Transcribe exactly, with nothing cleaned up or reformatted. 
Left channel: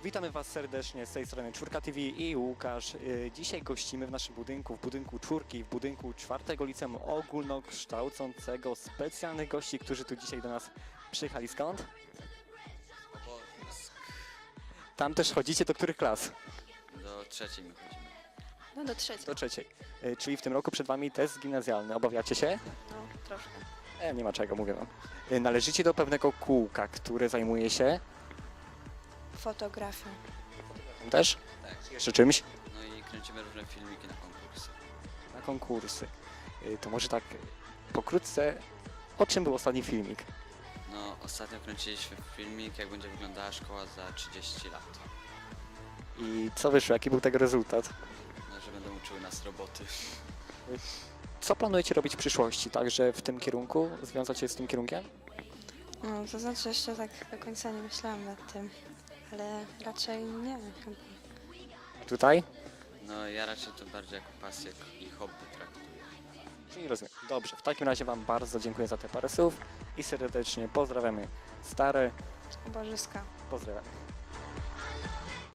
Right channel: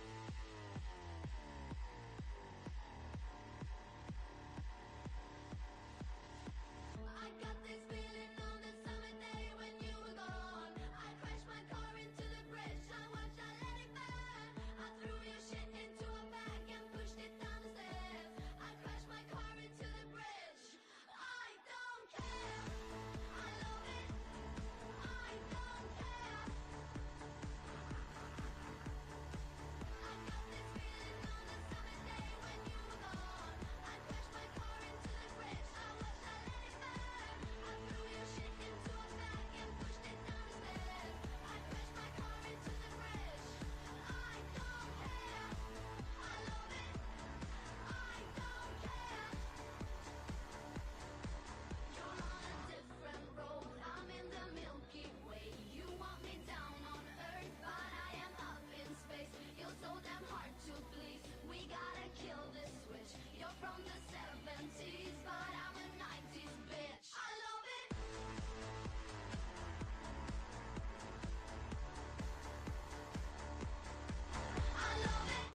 Witamy Was serdecznie z tej strony Czwórka T V i Łukasz. Yy, Dzisiaj gościmy w naszym budynku, w budynku Czwórki, w budynku czwartego Liceum Ogólnokształcącego specjalnych gości, którzy tu dzisiaj do nas przyjechali. Skąd? Tam też chodzicie do których klas? Do trzeciej. No do trzeciej. Do trzeciej. Yy, Czyli w tym roku przed Wami test gimnazjalny. Obawiacie się? No, troszkę. E, nie ma czego, mówię Wam. Yy, Należycie do pewnego kółka, które zajmuje się Fotografia. też jeszcze czymś? No i kręcimy różne filmiki na konkurs. Na konkursy. Yy, To może tak pokrótce, po czym był ostatni filmik? No ostatnio kręciliśmy filmik, jak będzie wyglądała szkoła za trzydzieści lat. I co wyszło? Jaki był tego rezultat? No, że będą uczyły nas roboty. Co planujecie robić w przyszłości? Także w tym kierunku? Związać się z tym kierunkiem? No, to znaczy jeszcze tak do końca nie myślałam nad tym, ale raczej nie wiem. Tutaj? No ja raczej to bardziej jako pasję i hobby traktuję. Nie rozumiem. Dobrze, w takim razie Wam bardzo dziękuję za te parę słów i serdecznie pozdrawiamy stare. Bożyska. Pozdrawiam.